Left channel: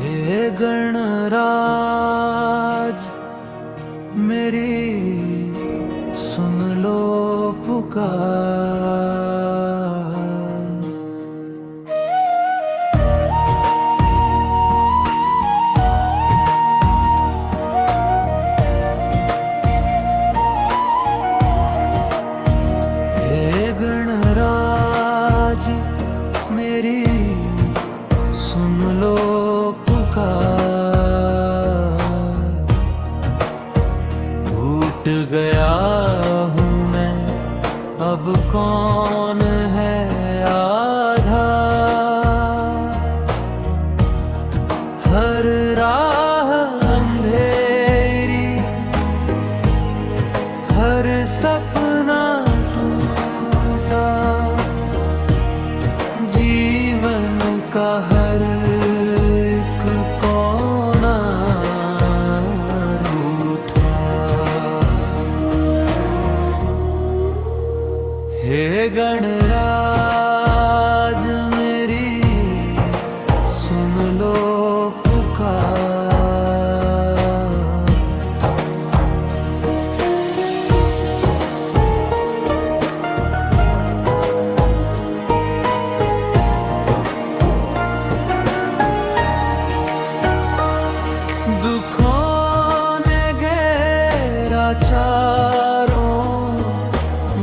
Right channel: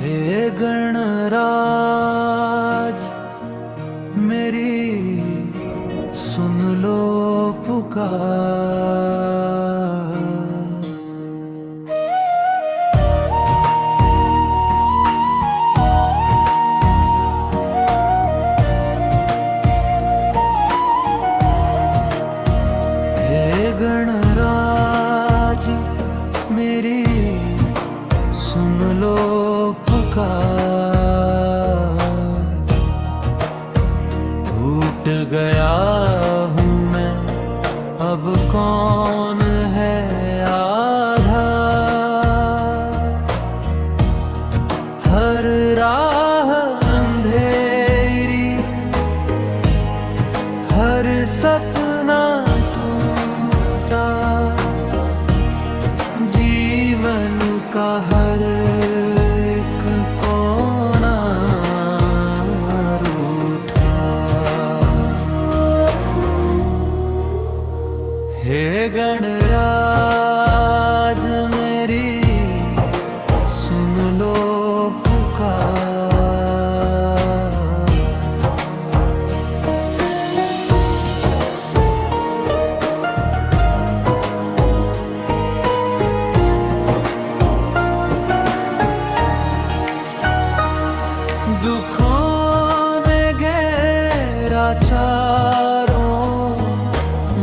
हे गणराज मेरी सुन लो पुकार। हे गणराज मेरी सुन लो पुकार। टूट गया हूँ मैं, अब कौन है आधार। हर राह अंधेरी, हर सपना टूटा, जीवन का हर एक कोना रूठा। हे गणराज मेरी सुन लो पुकार। दुखों ने घेरा चारों,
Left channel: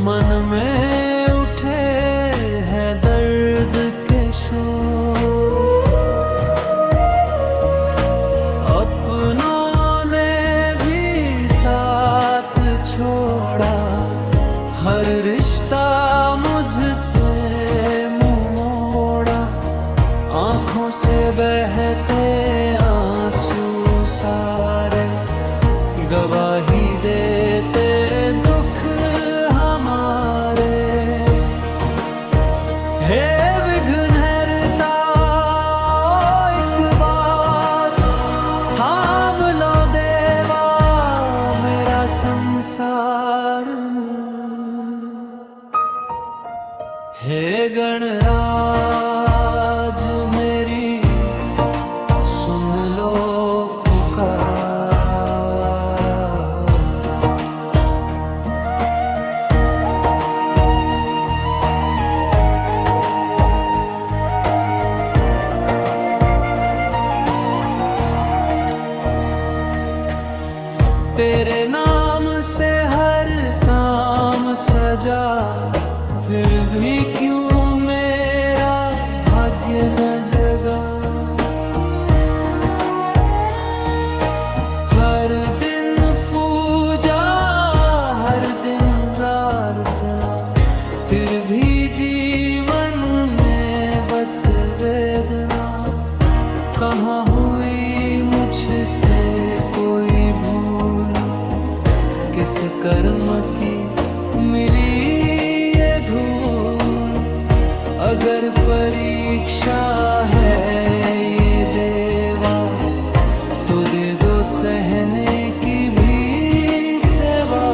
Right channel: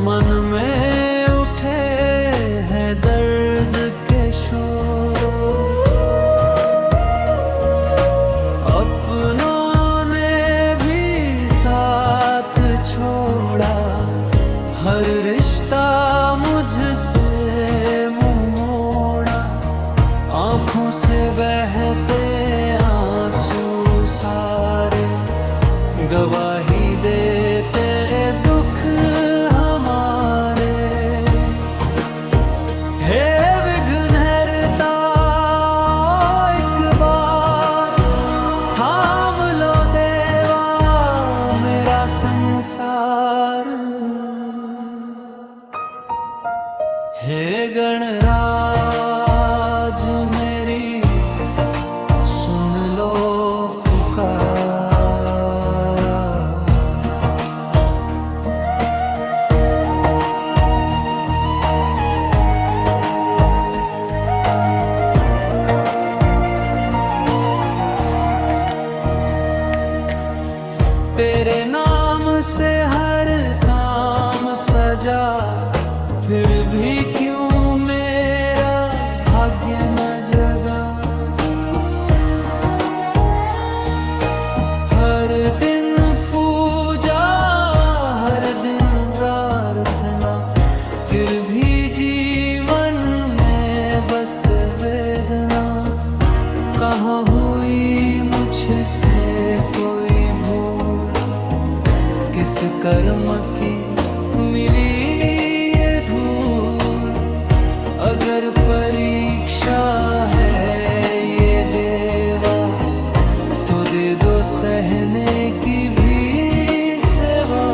मन में उठे हैं दर्द के शोर। अपनों ने भी साथ छोड़ा, हर रिश्ता मुझसे मुंह मोड़ा। आँखों से बहते आंसू सारे गवाही देते दुख हमारे। हे विघ्नहर्ता एक बार थाम लो देवा मेरा संसार। हे गणराज मेरी सुन लो पुकार। तेरे नाम से हर काम सजा, फिर भी क्यों मेरा भाग्य न जगा। हर दिन पूजा, हर दिन प्रार्थना, फिर भी जीवन में बस वेदना। कहाँ हुई मुझसे कोई भूल, किस कर्म की मिली ये धूल। अगर परीक्षा है ये देवा, तो दे दो सहने की भी सेवा।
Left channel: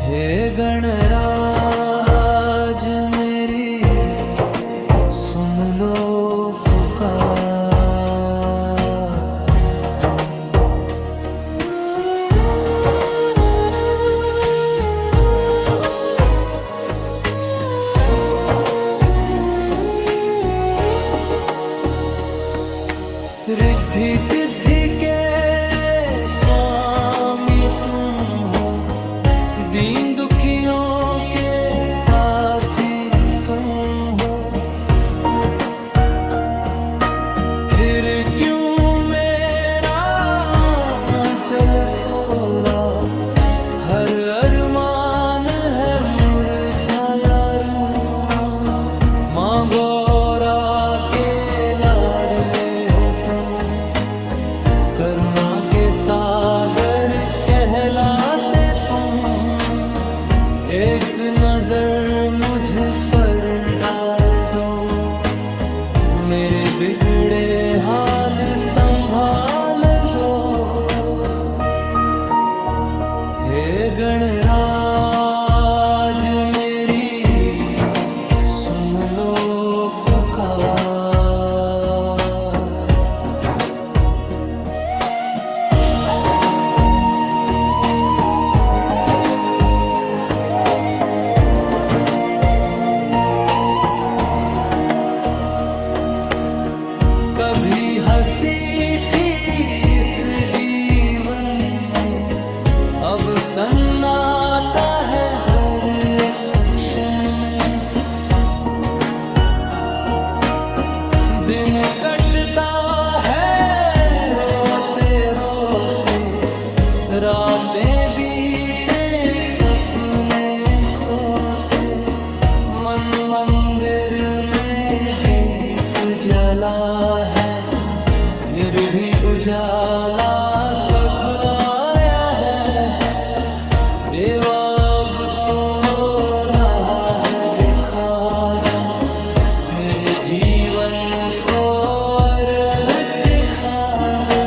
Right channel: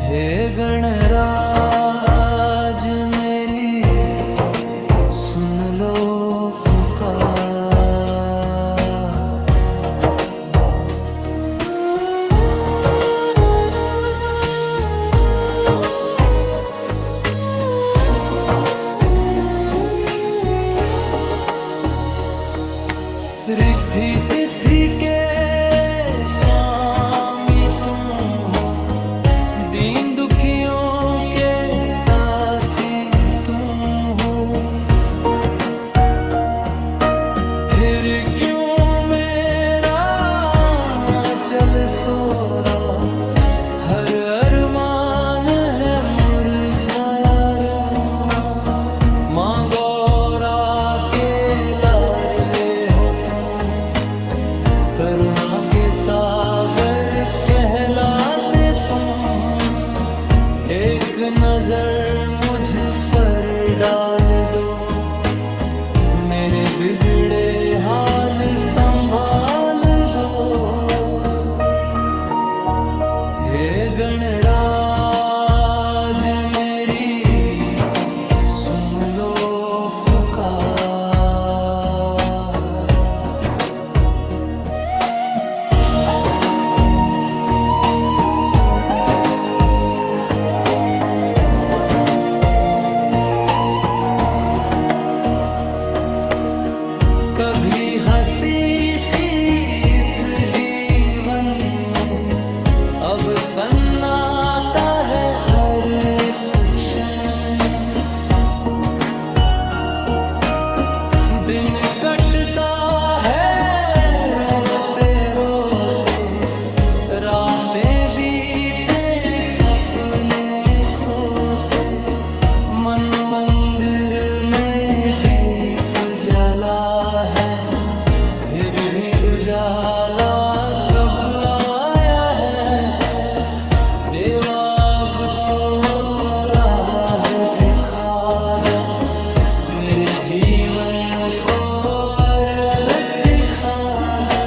हे गणराज मेरी सुन लो पुकार। रिद्धि सिद्धि के स्वामी तुम हो, दीन दुखियों के साथी तुम हो। फिर क्यों मेरा चल सोला, हर अरमान है मुरझाया रोना। माँ गौरा के लाडले हो तुम, करुणा के सागर कहलाते तुम। एक नजर मुझ पर डाल दो, मेरे बिगड़े हाल संभाल दो। हे गणराज मेरी सुन लो पुकार। कभी हंसी थी इस जीवन में, अब सन्नाटा है हर एक क्षण में। दिन कटता है रोते रोते, रातें बीते सपने खोते। मन मंदिर में दीप जला है, फिर भी उजाला कब आया है। देवा अब तो राह दिखा दो, मेरे जीवन को अर्थ सिखा दो।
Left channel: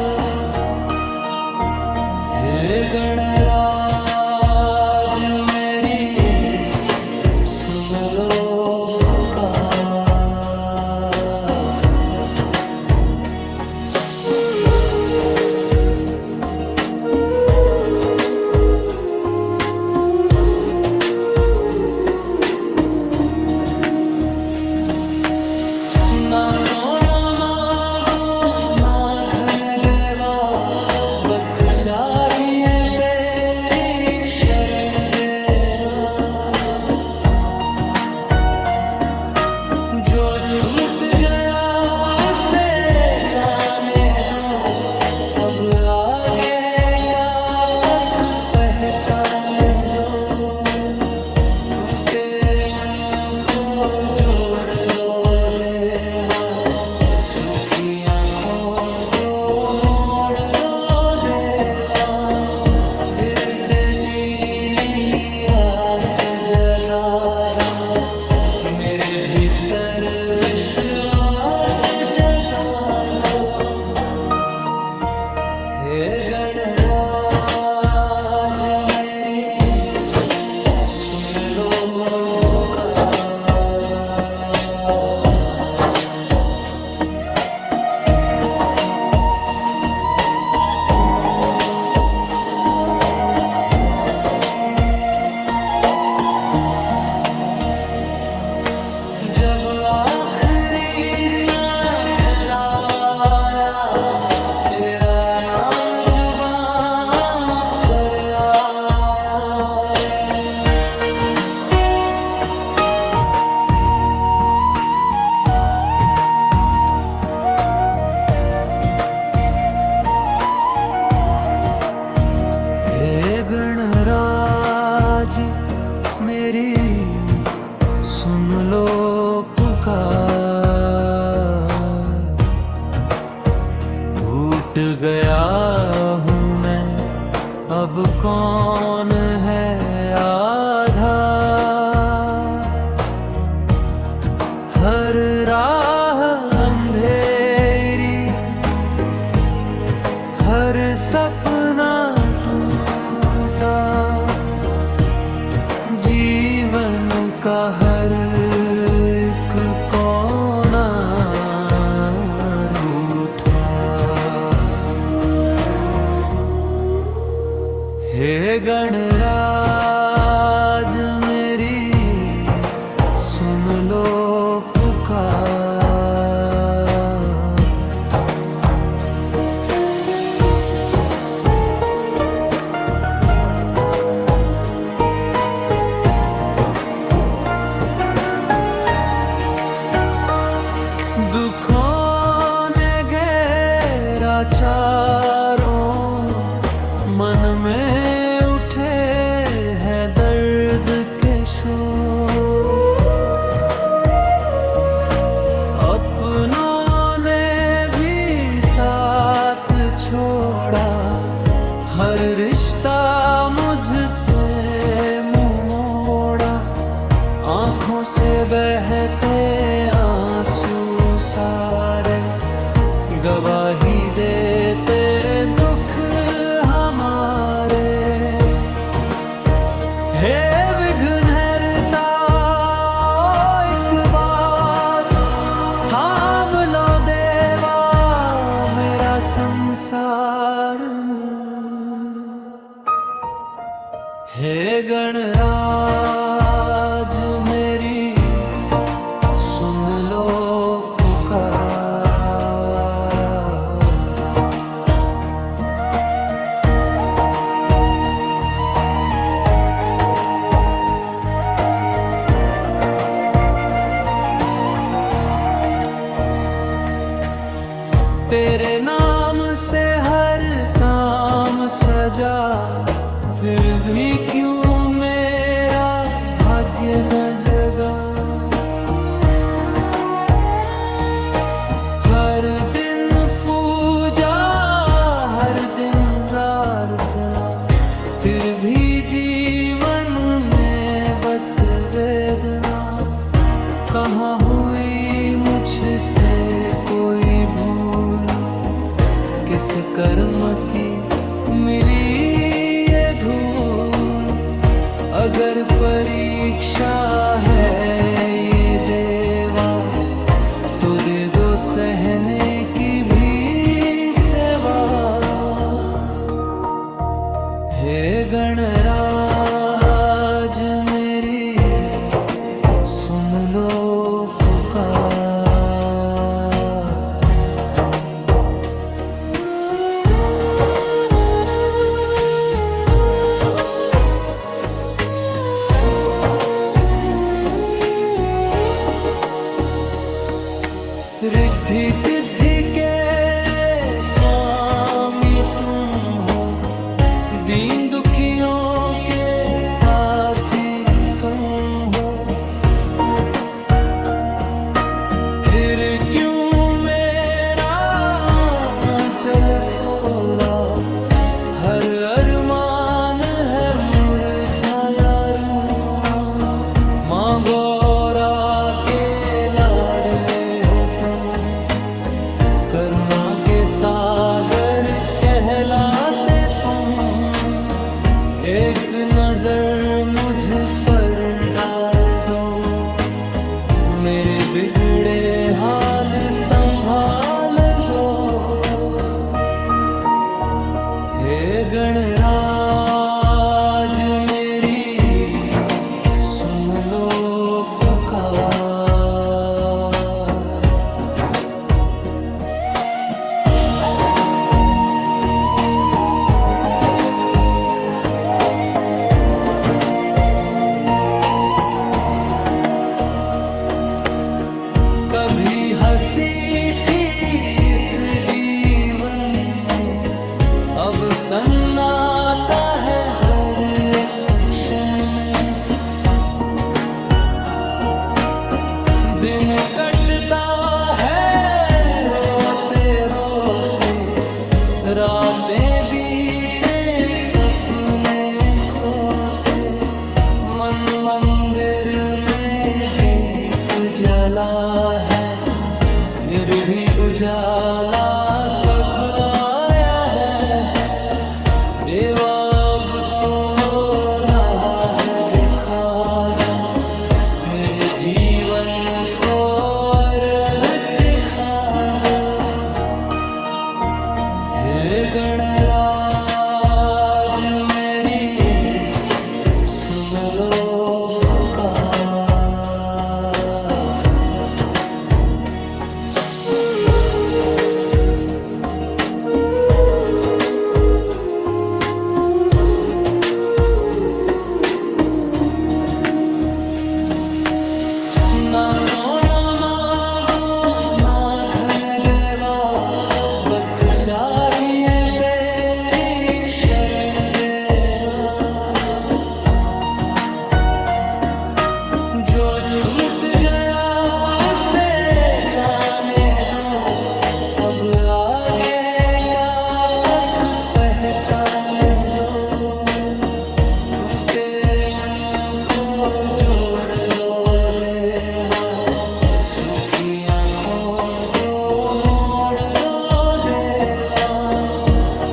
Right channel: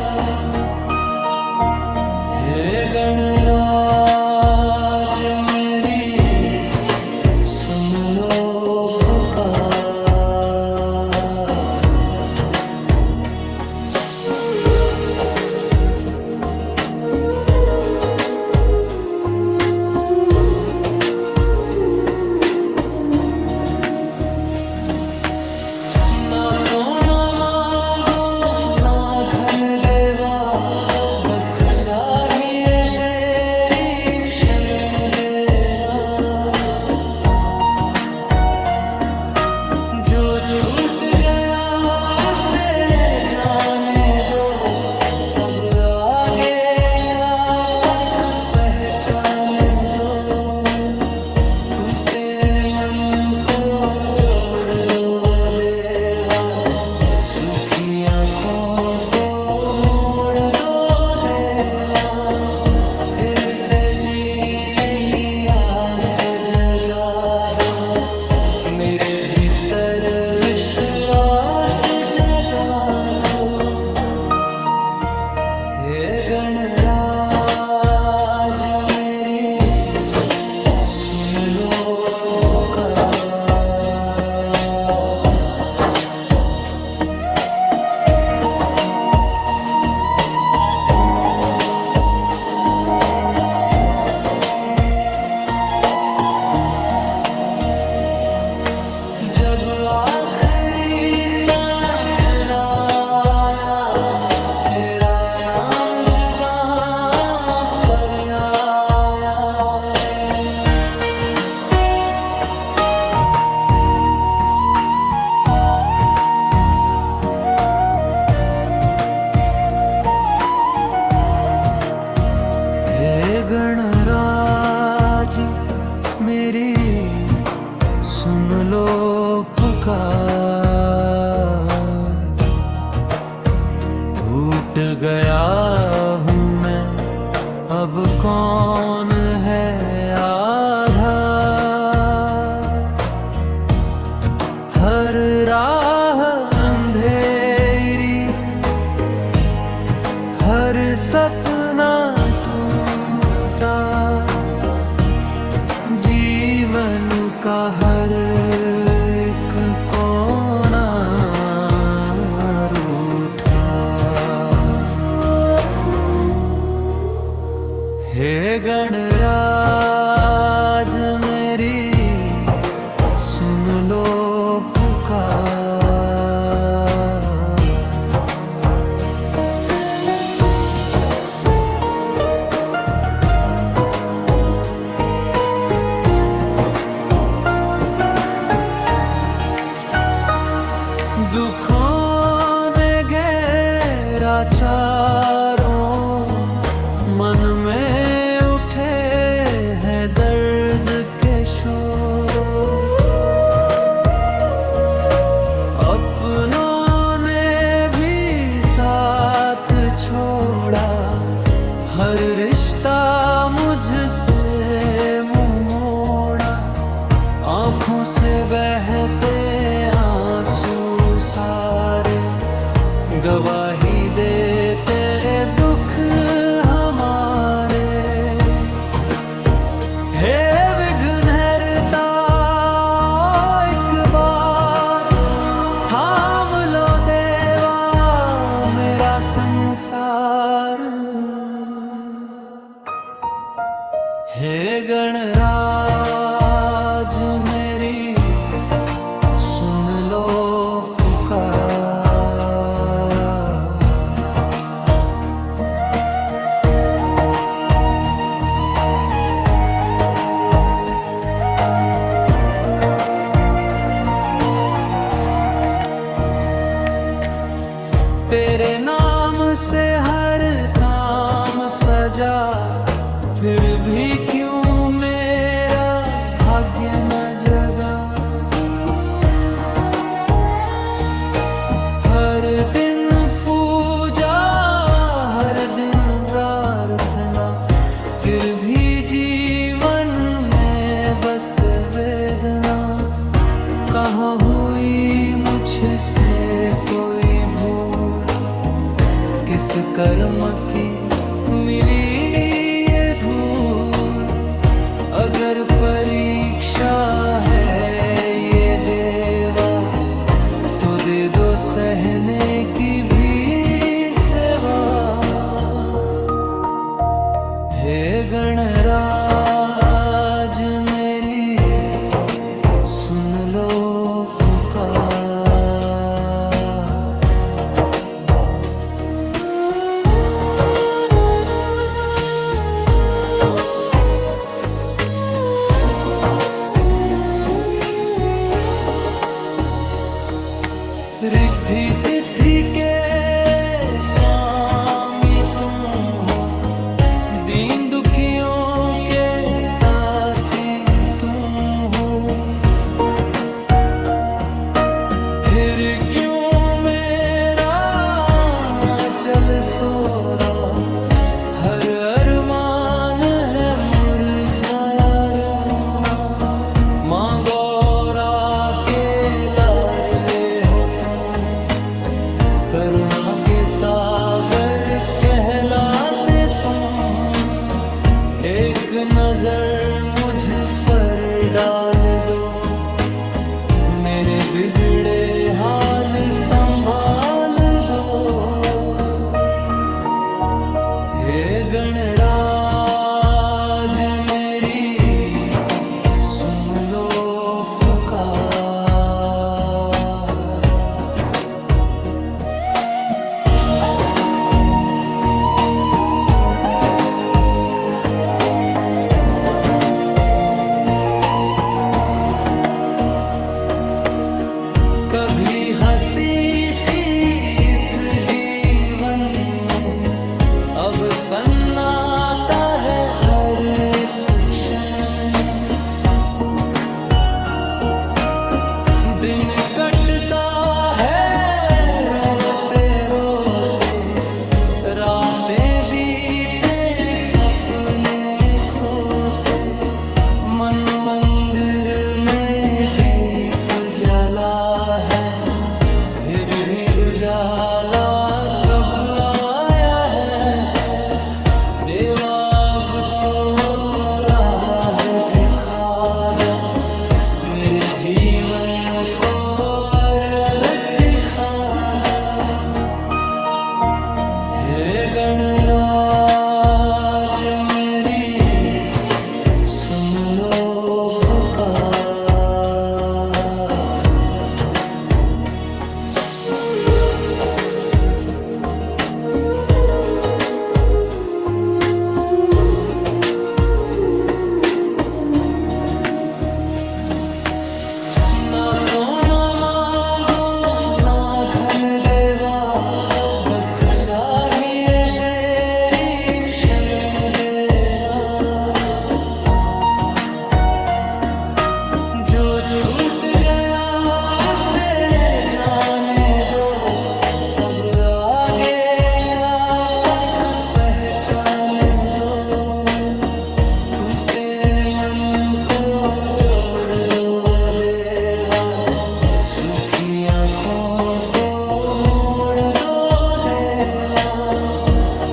हे गणराज मेरी सुन लो पुकार। ना सोना मांगू ना धन देवा, बस चाहिए तेरी शरण देवा। जो छूट गया उसे जाने दो, अब आगे का पथ पहचाने दो। टूटे मन को जोड़ दो देवा, सूखी आँखों को मोड़ दो देवा। फिर से जीने की आस जगा दो, मेरे भीतर विश्वास जगा दो। हे गणराज मेरी सुन लो पुकार। जब आखिरी सांस आया, तेरा नाम जुबां पर आया। हे गणराज मेरी सुन लो पुकार। टूट गया हूँ मैं, अब कौन है आधार। हर राह अंधेरी, हर सपना टूटा। जीवन का हर एक कोना रूठा। हे गणराज मेरी सुन लो पुकार। दुखों ने घेरा चारों, मन में उठे हैं दर्द के शोर। अपनों ने भी साथ छोड़ा, हर रिश्ता मुझसे मुंह मोड़ा। आँखों से बहते आंसू सारे, गवाही देते दुख हमारे। हे विघ्नहर्ता एक बार थाम लो देवा मेरा संसार। हे गणराज मेरी सुन लो पुकार। तेरे नाम से हर काम सजा, फिर भी क्यों मेरा भाग्य न जगा। हर दिन पूजा, हर दिन प्रार्थना, फिर भी जीवन में बस वेदना। कहाँ हुई मुझसे कोई भूल, किस कर्म की मिली ये धूल। अगर परीक्षा है ये देवा, तो दे दो सहने की भी सेवा। हे गणराज मेरी सुन लो पुकार। रिद्धि सिद्धि के स्वामी तुम हो, दीन दुखियों के साथी तुम हो। फिर क्यों मेरा चल सोला, हर अरमान है मुरझाया रोना। माँ गौरा के लाडले हो तुम, करुणा के सागर कहलाते तुम। एक नजर मुझ पर डाल दो, मेरे बिगड़े हाल संभाल दो। हे गणराज मेरी सुन लो पुकार। कभी हंसी थी इस जीवन में, अब सन्नाटा है हर एक क्षण में। दिन कटता है रोते रोते, रातें बीते सपने खोते। मन मंदिर में दीप जला है, फिर भी उजाला कब आया है। देवा अब तो राह दिखा दो, मेरे जीवन को अर्थ सिखा दो। हे गणराज मेरी सुन लो पुकार। ना सोना मांगू ना धन देवा, बस चाहिए तेरी शरण देवा। जो छूट गया उसे जाने दो, अब आगे का पथ पहचाने दो। टूटे मन को जोड़ दो देवा, सूखी आँखों को मोड़ दो देवा।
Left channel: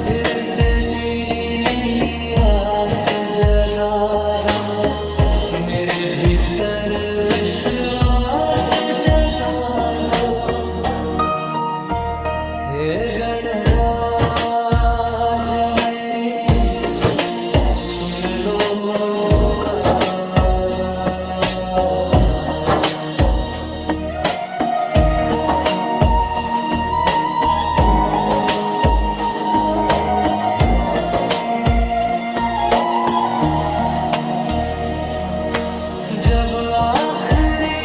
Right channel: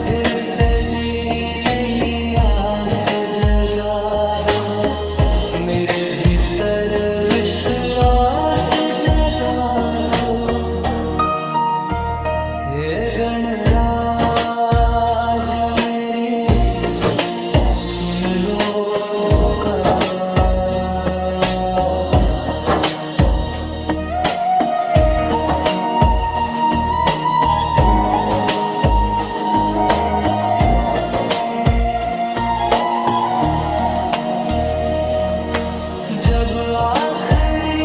फिर से जीने की आस जगा दो, मेरे भीतर विश्वास जगा दो। हे गणराज मेरी सुन लो पुकार। जब आखिरी